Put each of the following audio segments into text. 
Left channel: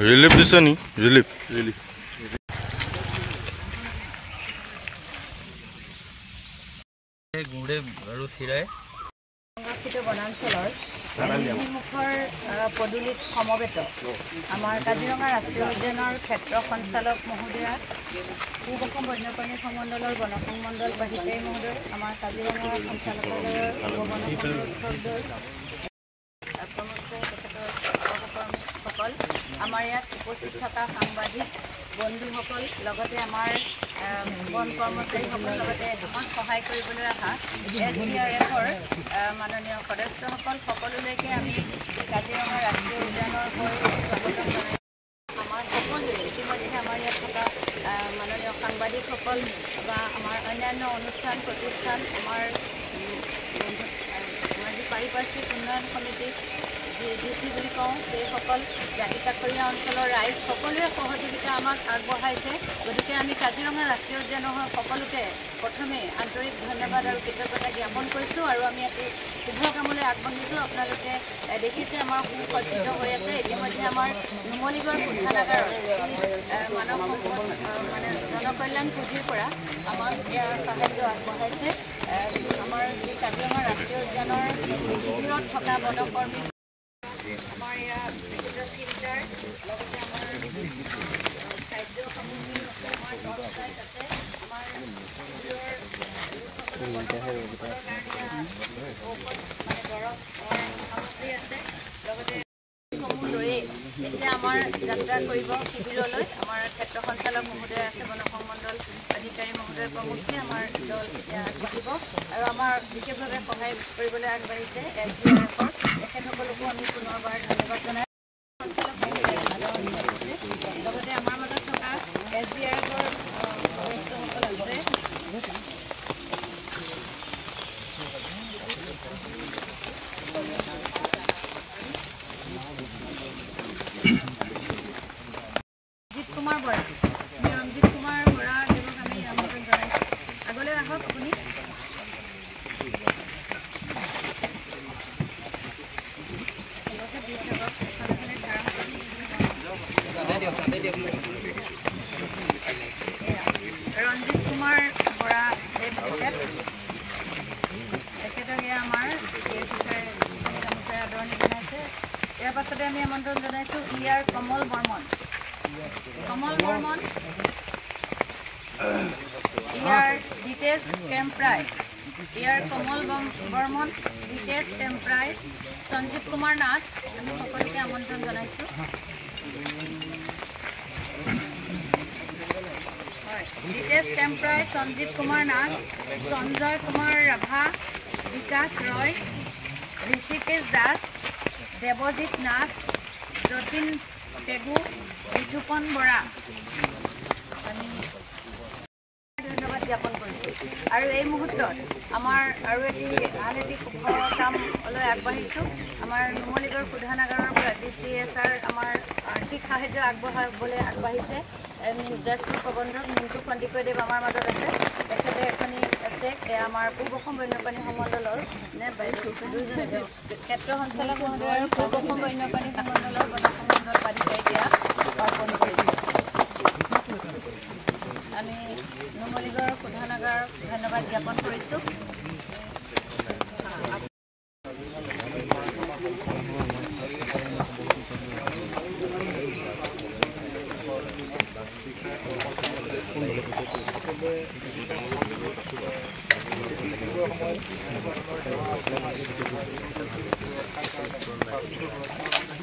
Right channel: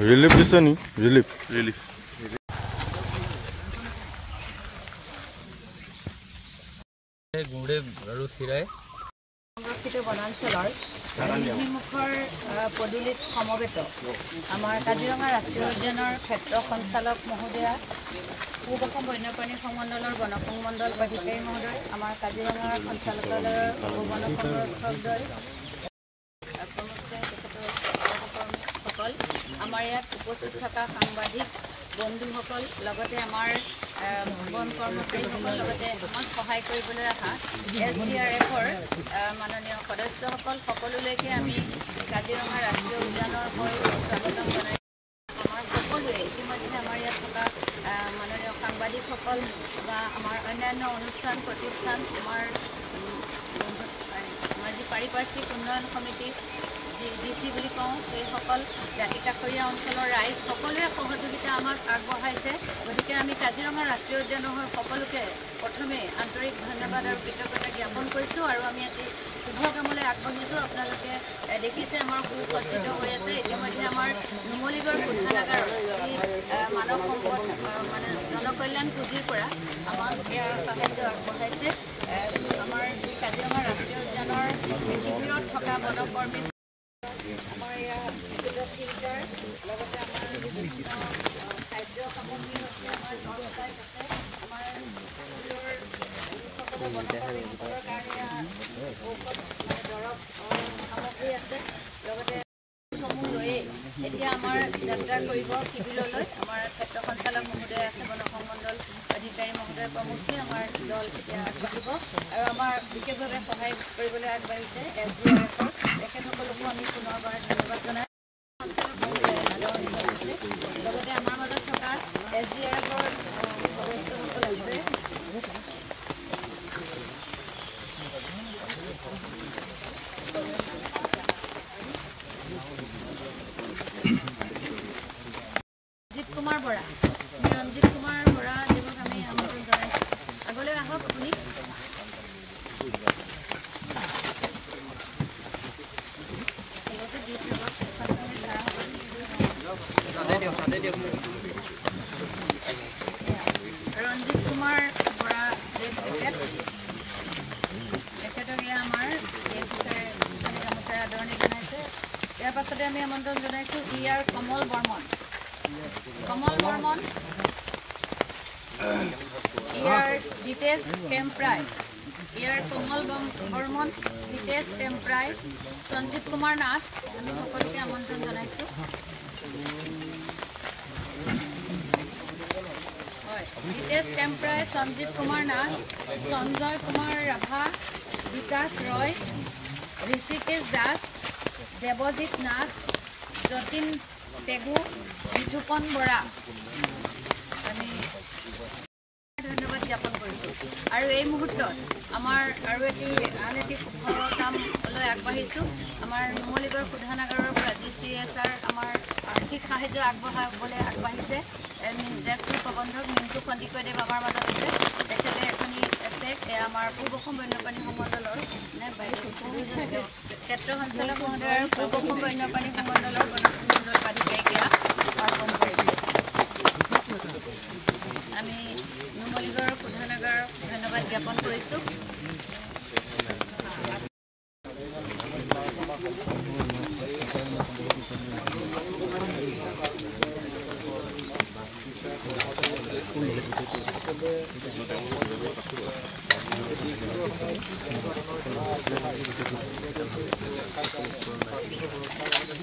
relief দিছে নি relief গুড়ে আৰু চিৰাই সংৰক্ষিত বনাঞ্চলৰ মুখৰ পদূলিত সমবেত আমাৰ কাজিৰঙা ৰাষ্ট্ৰীয় উদ্যানৰ ক্ষেত্ৰ সঞ্চালক মহোদয়া পূব অসম বন্যপ্ৰাণী সংমণ্ডলৰ বন সংমণ্ডল অধিকাৰী মহোদয় আমাৰ কাজিৰঙা সঞ্চালকালয়ৰ বন সংৰক্ষকদ্বয় সহকৰ্মীসকল আমাৰ ইয়াত উপস্থিত থকা সাংবাদিক বন্ধুসকল লগতে আমাৰ বন কৰ্মচাৰীসকল লগতে আমাক সহায় কৰিবলৈ অহা SDRFৰ মাননীয় সদস্যসকল সকলোলৈকে আমি কাজিৰঙা ৰাষ্ট্ৰীয় উদ্যানৰ হৈ স্বাগতম জনাই আমাৰ সকলোৱে ইতিমধ্যে আমাৰ ইয়াত থকা মাননীয় সাংবাদিকসকল বা আমাৰ অন্যান্য অনুষ্ঠান প্ৰতিষ্ঠান আমাৰ যি পাৰিপাৰ্শ্বিক উন্নয়ন সমিতি DC বুলি কওঁ সেইসকল দাঁতিকাষৰীয়া অঞ্চলৰ ৰাইজ সকলোৱে সহযোগিতা আমাক আগবঢ়াইছে গতিকে আমি কাজিৰঙা ৰাষ্ট্ৰীয় উদ্যানৰ সকলোকে প্ৰথমে আন্তৰিক ধন্যবাদ আৰু কৃতজ্ঞতা জ্ঞাপন কৰিছোঁ আৰু আমি এটি শুভ কামলৈ আগবাঢ়িছোঁ আপোনালোকে দেখিছে আমাৰ সুসজ্জিত হৈ আছে ইতিমধ্যে আমাৰ নুমলীগড় শোধনাগাৰ মানৱ জনকল্যাণ পুঁজিৰ পৰা আমাক ইয়াৰ সাহায্য আগবঢ়াইছে আমাৰ এই কাজিৰঙা ৰাষ্ট্ৰীয় উদ্যানৰ শিবিৰত থকা বনকৰ্মী আমাৰ ইয়াত ফিল্টাৰ লগতে আমাৰ খাদ্য সামগ্ৰী আছে আমাৰ টৰ্চ লাইট আছে আমাৰ শিবিৰৰ বনকৰ্মীসকলৰ কাৰণে দৰৱ সামগ্ৰী আছে লগতে সমূহ লৈয়ে এতিয়া আমাৰ যাত্ৰা কৰিব শিবিৰলৈ আমাৰ ক্ষেত্ৰ সঞ্চালক মহোদয় আছে বন সংমণ্ডল অধিকাৰী মহোদয় প্ৰমুখ্যে আমাৰ দল এতিয়া আগবাঢ়িব আৰু আমাৰ বিশেষভাৱে সহায় কৰিবলৈ আগবাঢ়িছে SDRFৰ তেখেতসকলকো আমি পুনৰবাৰ ধন্যবাদ জনাই সঞ্চালক মহোদয়ে লগতে আমাৰ মাজত থকা SDRFৰ সদস্যসকল আছে ৰঞ্জিত কুমাৰ বৰা দেৱক আমি আমন্ত্ৰণ জনাইছোঁ আগলৈ আহক আপুনি ৰঞ্জিত কুমাৰ বৰা দেৱ তেখেতকে আমাৰ গামোচাৰে আদৰণি জনাইছে ইয়াৰ পাছতে আমি আমন্ত্ৰণ জনাইছোঁ কমল বৰ্মন ডিটেচ কেম্প্ৰাই কমল বৰ্মন ডিটেচ কেম্প্ৰাই সঞ্জীৱ কুমাৰ নাথ আমি সকলোকে আমন্ত্ৰণ জনাইছোঁ হয় ডিটেচ কেম্প্ৰাই সঞ্জীৱ কুমাৰ নাথ সঞ্জয় কুমাৰ ৰাভা বিকাশ ৰয় ঋষিকেশ দাস দেৱজিৎ নাথ যতীন পেগু বিতুপন বৰা আমি ধন্যবাদ জ্ঞাপন কৰিছোঁ আৰু এই মুহূৰ্তত আমাৰ আৰু আন এটি কামলৈ আগবাঢ়িছোঁ আমাৰ নুমলীগড় শোধনাগাৰৰ পৰা DCSR আমাৰ আৰ্থিক সাহায্য আগবঢ়াবলৈ আগবাঢ়িছে জ্যেষ্ঠ প্ৰবন্ধক মিণ্টু সন্দিকৈদেৱ আমাৰ মাজত আছে তেখেতে এখনি আছে আমাৰ পূব অসম বন্যপ্ৰাণী সংমণ্ডলৰ ক্ষেত্ৰ সঞ্চালক মহোদয় আৰু পূব অসম বন্যপ্ৰাণী সংমণ্ডলৰ বন সংমণ্ডল প্ৰাধিকাৰীকে অৰ্পণ কৰিছে আমি নুমলীগড় শোধনাগাৰক ধন্যবাদ জ্ঞাপন কৰিছোঁ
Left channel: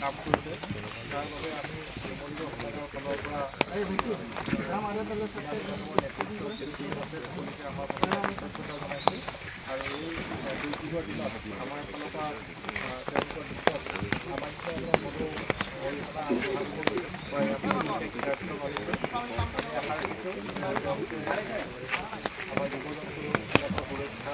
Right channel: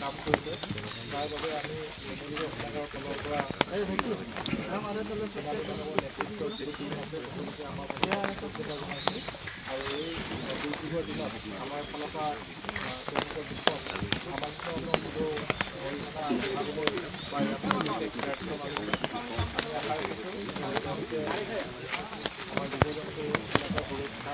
কাম কৰিছে তাৰ বাবে আমি নুমলীগড় শোধনাগাৰৰ ফালৰ পৰা আমাৰ কৃতজ্ঞতা জনাইছোঁ আৰু এই দুৰ্যোগৰ দিনত আমাৰ ফালৰ পৰা তেওঁলোকৰ দিশত সামান্য হ'লেও অৰিহণা আগবঢ়াবলৈ আশা ৰাখিছোঁ তেওঁলোকে আমাৰ জীৱ জন্তুবিলাকৰ সুৰক্ষা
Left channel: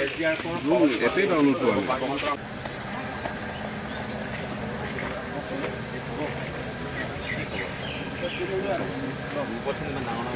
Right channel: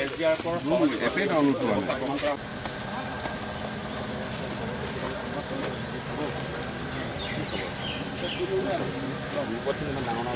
SDRFৰ ডাঙৰ